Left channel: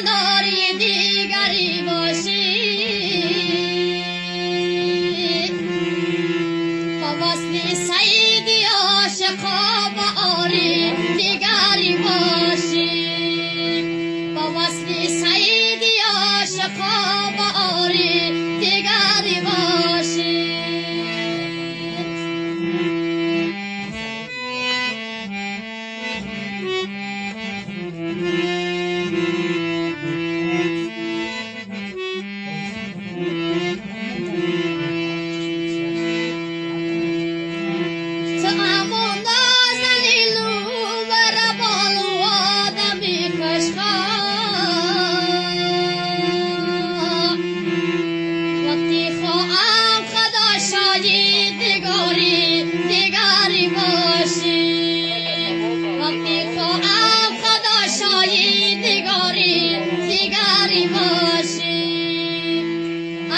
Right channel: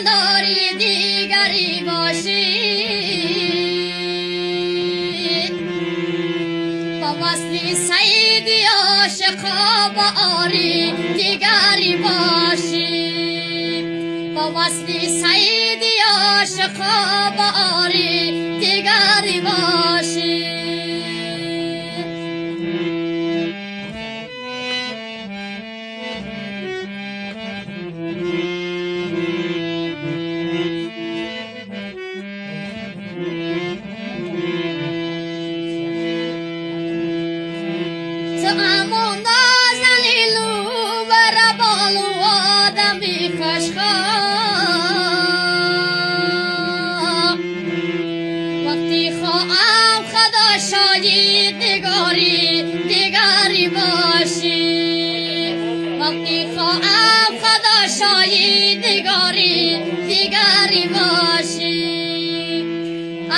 کناری دیگری باشی با وصل سیدی عاشقا با آری دیگری باشی با وصل سیدی عاشقا با آری دیگری باشی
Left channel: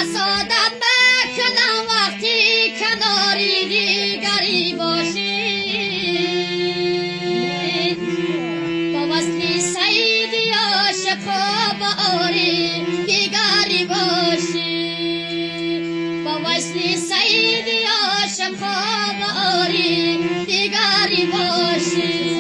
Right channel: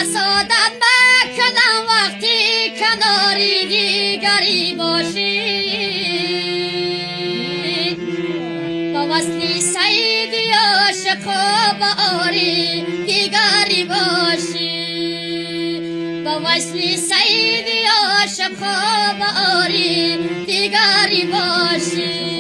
سعادت بکنم وقتی کناری دیگری باشی با وصل سیدی عاشقا با آری دیگری باشی با وصل سیدی عاشقا با آری دیگری باشی